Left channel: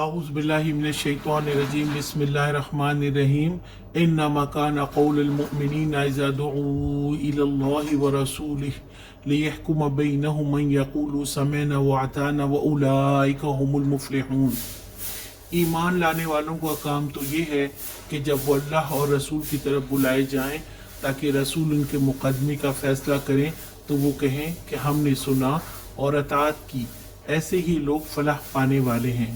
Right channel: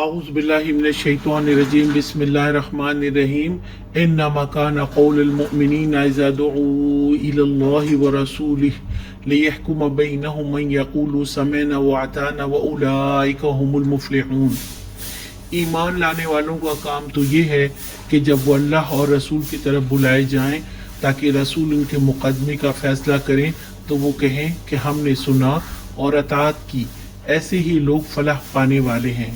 اعوذ باللہ من الشیطان الرجیم بسم اللہ الرحمن الرحیم انما کان قول المؤمنین اذا دعوا الی اللہ ورسولہ لیحکم بینہم ان یقولوا سمعنا واطعنا واولئک هم المفلحون۔ ایمان لانے والوں کا کام تو یہ ہے کہ جب وہ اللہ اور رسول کی طرف بلائے جائیں تاکہ رسول ان کے مقدمے کا فیصلہ کریں تو وہ کہیں کہ ہم نے سنا اور اطاعت کی، ایسے ہی لوگ فلاح پانے والے ہیں۔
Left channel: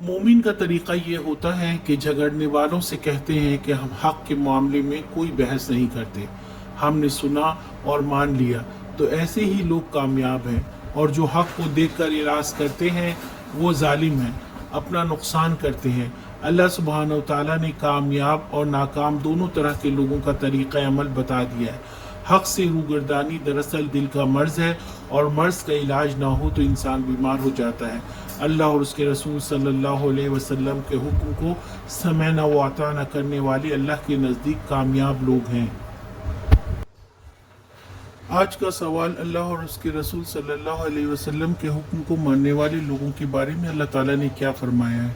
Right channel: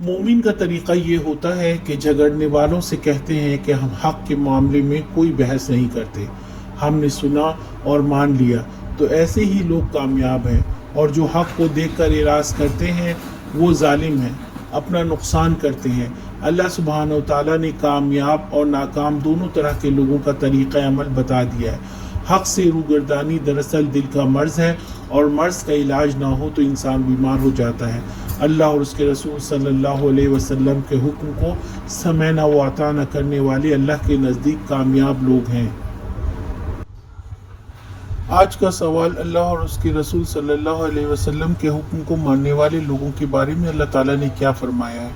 مومن کا طریقہ یہ ہوتا ہے کہ جھگڑنے والوں سے کہتے ہیں کہ ہم حق کے معاملے میں کوئی بحث نہیں کرتے، ہم نے سنا اور مان لیا، تو ایسے ہی لوگ کامیاب ہیں۔ اور جو حق کو دیکھ کر اعراض کرتے ہیں وہ ظالم ہیں، اپنا نقصان کرتے ہیں۔ اللہ سبحانہ وتعالیٰ نے کامیاب اور ناکام دونوں طرح کے لوگوں کا طریقہ عمل بتا دیا ہے۔ حق سے روگردانی دراصل دل کا مرض ہے، اور مرض کا علاج نہ ہو تو انسان بیمار ہو جاتا ہے۔ اللہ اور اس کے رسول صلی اللہ علیہ وسلم کے حکم کو سمعنا و اطعنا کرنے والے اللہ کے نزدیک کامیاب لوگ ہیں۔ آج کا سوال، اللہ اور اس کے رسول صلی اللہ علیہ وسلم کے حکم کو ماننے والے لوگوں کے بارے میں اللہ تعالیٰ نے کیا فرمایا ہے؟